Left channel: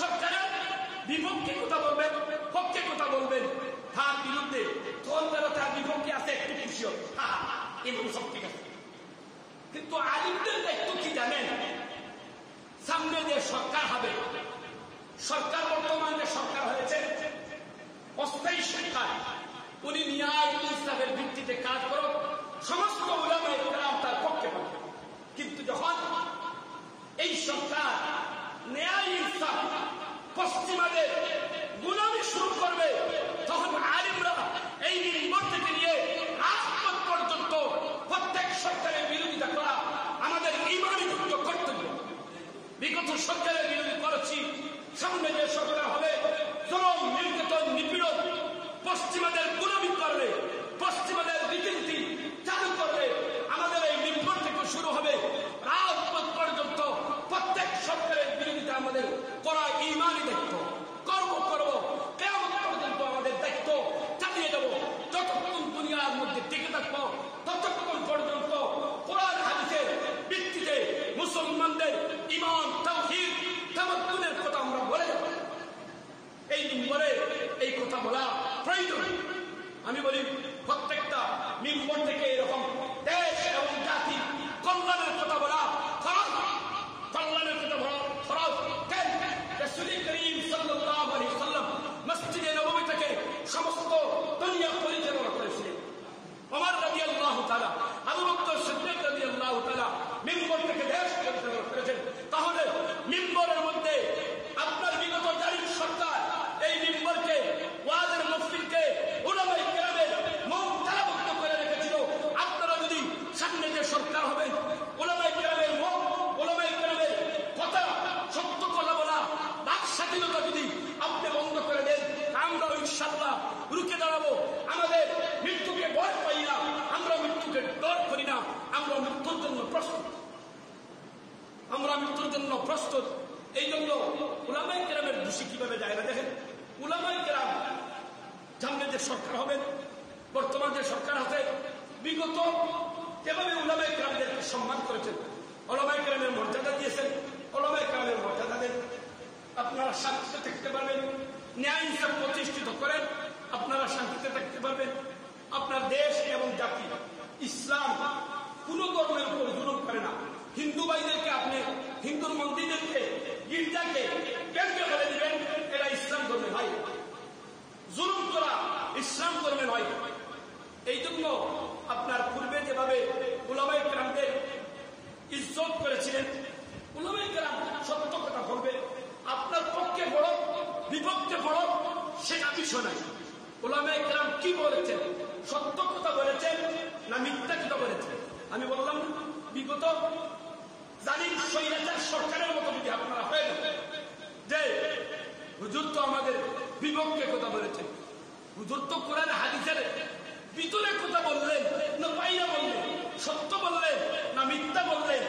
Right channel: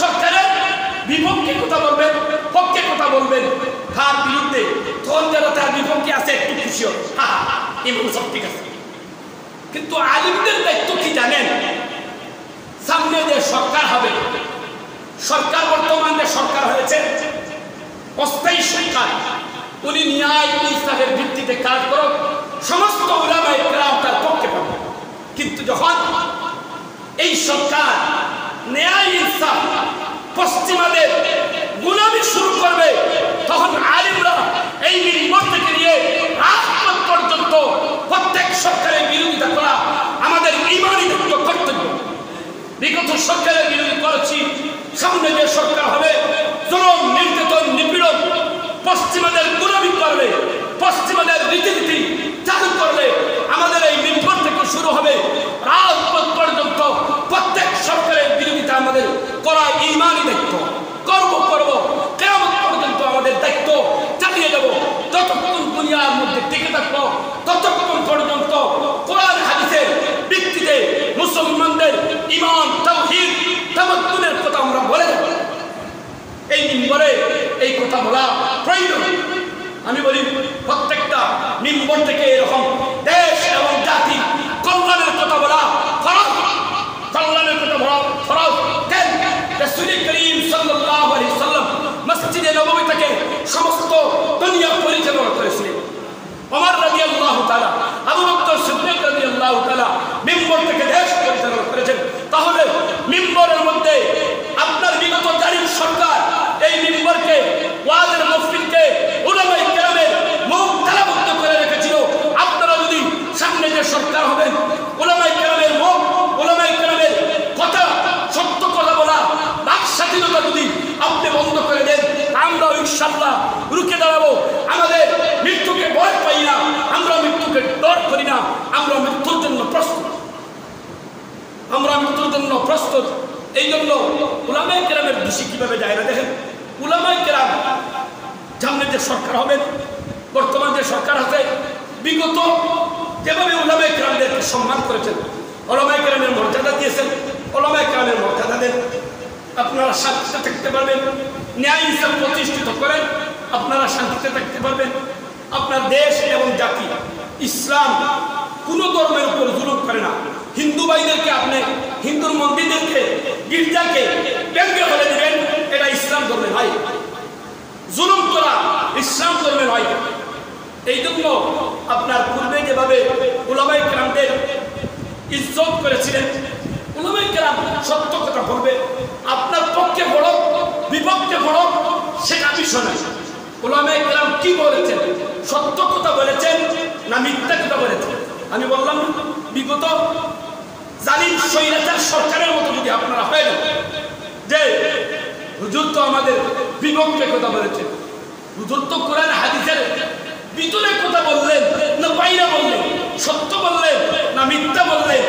সরকারের বিপক্ষে কথা বলবেন, পক্ষে কথা বলবেন, তার বিরুদ্ধে, তখন যারা তার বিপক্ষে আছে একটু খুশি হবে, এগুলো সব ঠিক আছে। কিন্তু আলিমদের দায়িত্ব কি জানেন? সামনে যে সরকার হবে, সরকার বর্তমানে সরকার হয়েছে অস্থায়ী সরকার, উনি ন্যায় ইনসাফের ভিত্তিতে কাজ করুক, সমস্ত উলামায়ে কেরাম তার পক্ষে পাবে। কিন্তু যখন এই সরকার ন্যায় ইনসাফ পশ্চিমাদের গোলামি শুরু করবে, তখন আলিমরা এই মিম্বর থেকে নিয়ে রাজপথ পর্যন্ত প্রত্যেক সরকারের বিরোধিতা করা আমাদের ঈমানি কর্তব্য। বিগত সরকারের বিরোধী করেছি, সামনে যে সরকার হবে জুলুম, নির্যাতন, নিপীড়ন, পশ্চিমাদের গোলামি করবে, পশ্চিমাদের রীতিনীতি চালু করবে, আমাদের এই মিম্বর থেকে শুরু হবে রাজপথ পর্যন্ত প্রত্যেক সরকারের বিরোধিতা আমাদের করা ঈমানি দায়িত্ব। করব কিয়ামত পর্যন্ত আমাদের দায়িত্ব চালিয়ে যাব। যতক্ষণ দুনিয়ার মধ্যে টিকে থাকবো ততক্ষণ পর্যন্ত কোরআন হাদিসের ভিত্তিতে মুসলমানদের ঈমান, তাওহীদ, তামাদ্দুনের কথা আমরা বলে যাব। এই মিম্বরে এই কথা বলা প্রয়োজন। আমি বলি প্রত্যেকটা মিম্বর থেকে এরকম দেশ এবং জাতি কল্যাণের কথা বলা ফরজ, কল্যাণের কথা বলা ফরজ। কেন? রাসূল করিম সাল্লাল্লাহু আলাইহি ওয়াসাল্লাম মসজিদে নববী থেকে সমস্ত দুনিয়া পরিচালনা করেছিলেন। ওমর রাদিয়াল্লাহু তাআলা, আবু বকর সিদ্দিক রাদিয়াল্লাহু তাআলা মিম্বর থেকে দেশ পরিচালনা করেছেন। তাহলে মিম্বরের মধ্যে আপনার বিগত জালিম সরকার এই মিম্বরকে, ওয়াজের মাহফিলকে উলামায়ে কেরামের মুখ তালাবদ্ধ করে রেখেছিল। আপনারা যদি সামনে যে সরকার হবেন, উলামায়ে কেরামের মুখ, উলামায়ে কেরামের কথা, সত্য কথা বলা, বাক স্বাধীনতা যদি আপনি বন্ধ করে দেন, আমরা ইনশাআল্লাহ রুখে দাঁড়াবো। আমাদের মৃত্যুকে ভয় পাই না, আমরা মৃত্যুকে ডর করি না, আমরা মৃত্যুর জন্য প্রস্তুত, আমরা মৃত্যুর জন্য প্রস্তুত। এই জন্য উলামায়ে কেরামের দোষী কিভাবে যায় না দেখেন। উলামায়ে কেরাম সামনে যে সরকার হবে, বর্তমান যে সরকার আছে, বিগত যেভাবে উলামায়ে কেরামদেরকে সম্মান করেছেন, উলামায়ে কেরামের মর্যাদা দিয়েছেন, উলামায়ে কেরামের মর্যাদা দেন, আপনারা শান্তিতে থাকতে পারবেন। ন্যায় ইনসাফ প্রতিষ্ঠিত করেন, আপনারা শান্তিতে থাকতে পারবেন। আপনার দেশ এবং জাতি, ইসলাম কোন ধর্মের উপর জুলুম করে না। হিন্দু ভাইদেরকে আপনি হিন্দুর মন্দিরদেরকে, গির্জাকে ব্যঙ্গে বলে দিবেন, এটা ইসলাম ধর্মের হয়। জুলুম করা ইসলাম ধর্মের হয়। এই জন্য আপনার পূর্বে যেভাবে উলামায়ে কেরামদের ইজ্জত করেছিলেন, উলামায়ে কেরাম সত্য কথা বলবে, আপনার পক্ষে বড় বিপক্ষে বড় সেটা বিষয় নয়। উলামায়ে কেরাম কি বলেছেন, সত্য কথা বলেছেন না মিথ্যা কথা বলেছেন? আমি বললাম বিগত জালিম স্বৈরাচার সরকারের মতো যদি আপনারা হয়ে যান যে হুজুর তো আমাদের বিপক্ষে কথা বলেছেন, হুজুর তো কোরআন হাদিসের ভিতরে কথা বললেন না বাইরে বললেন, সত্য বললেন না মিথ্যা বললেন,